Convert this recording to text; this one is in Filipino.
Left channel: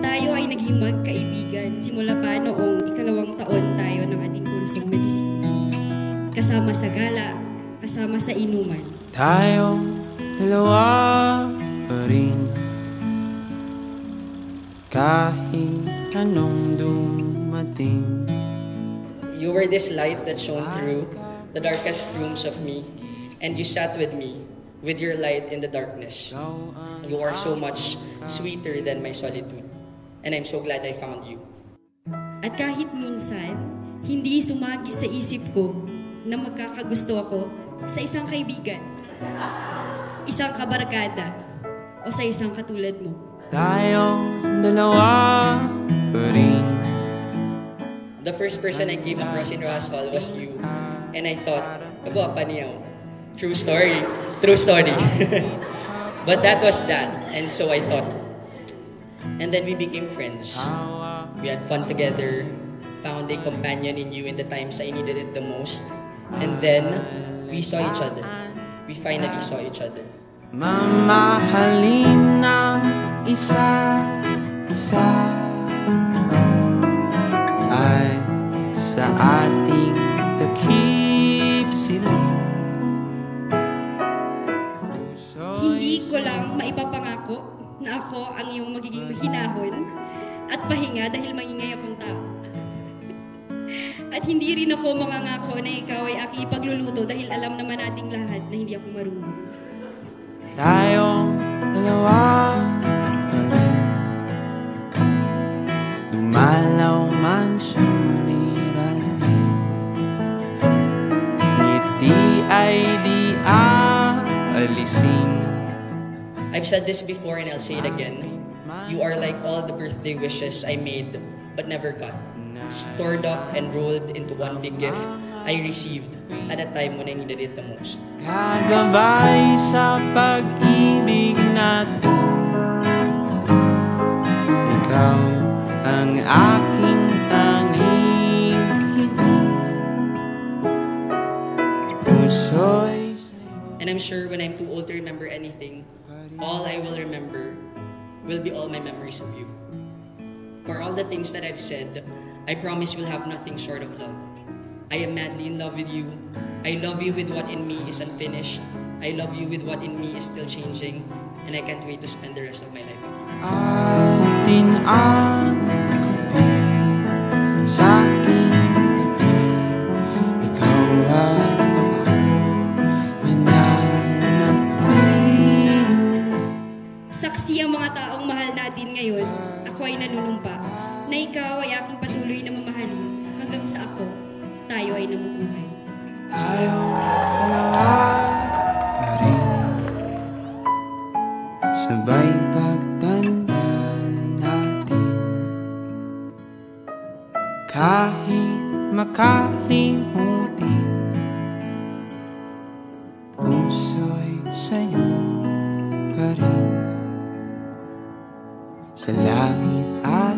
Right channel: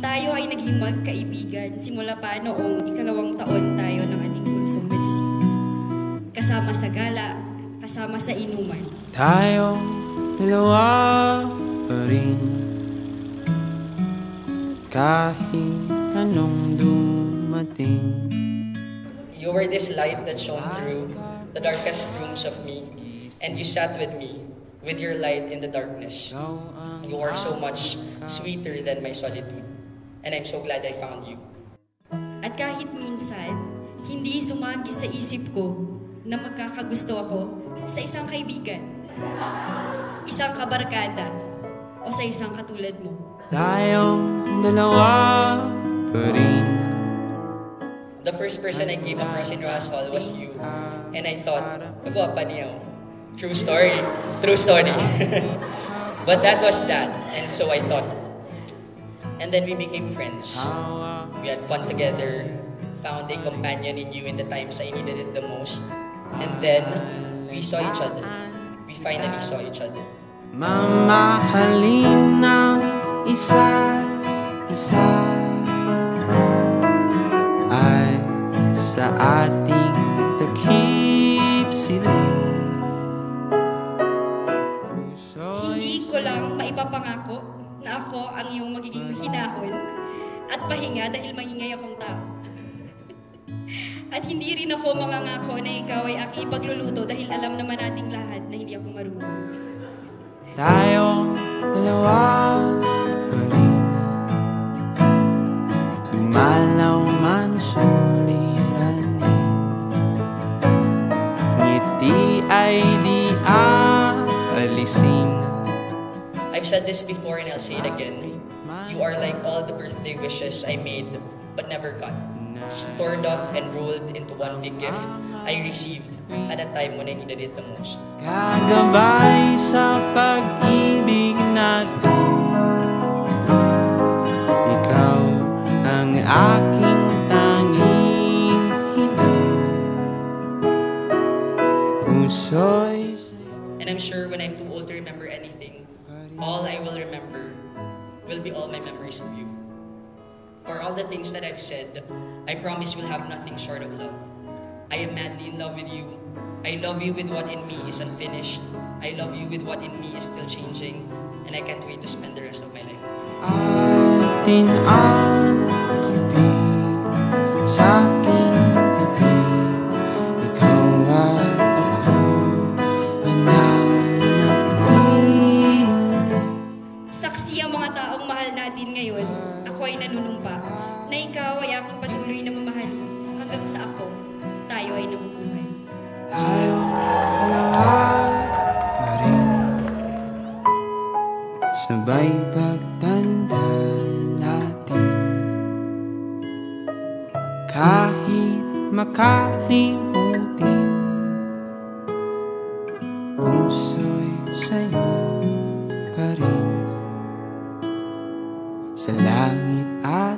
Tayo ay naging magkaibigan simula pa noong 2nd taon tayo ng ating kursong medisina. Kasama sa gala, kasama sa inuman. Tayong dalawa pa rin, kahit anong dumating. You were this light that shone through the darkest rooms of me, and you sat with me with your light in the darkness. You are so much sweeter than my solitude, and I'm so glad I found you. At kahit minsan, hindi sumagi sa isip ko na magkakagusto ako sa isang kaibigan, isang kabarkada, o sa isang katulad mo. Tayong dalawa pa rin. The first person I came across in Rojas Hall was you, and I thought, "Nagwapa niya." True story. True story. But that was that, and so I thought. And then we became friends. We had fun together, found a companion in you in the times I needed it the most, and then we saw each other. We finally saw each other. Mamahalin ng isa-isa ay sa ating takip siling. Hindi ko lang maipapangako na ako ang iyong magiging hinahon at pahinga dahil maingay akong tao. At hindi rin ako mangangako na ikaw ay aking ipagluluto dahil alam naman nating lahat na hindi ako marunong. Tayong dalawa pa rin, dumalaw man suliranin, ngiti ay di aalisin. I've said this before and I'll say it again. You are like all the birthday wishes I made but never got. Stored up and rolled into one big gift I received at a time when I needed it the most. Kagabay sa pag-ibig natin, ikaw ang aking tanging hiling. Puso'y And I'm sure when I'm too old to remember anything, all I will remember will be all my memories of you. For all the things that I've said, I promise we'll have nothing short of love. I am madly in love with you. I love you with what in me is unfinished. I love you with what in me is still changing. And I can't wait to spend the rest of my life with you. atin ang gabi, sa aking tabi, ikaw at ako mananatili. Saksi ang mga taong mahal natin ngayon, ako ay nanunumpa, na ikaw ay aking patuloy na mamahalin hanggang sa ako, tayo ay nabubuhay. Tayong dalawa pa rin, sabay pagtanda natin, kahit makalimutin, puso'y sa'yo pa rin, sa langit at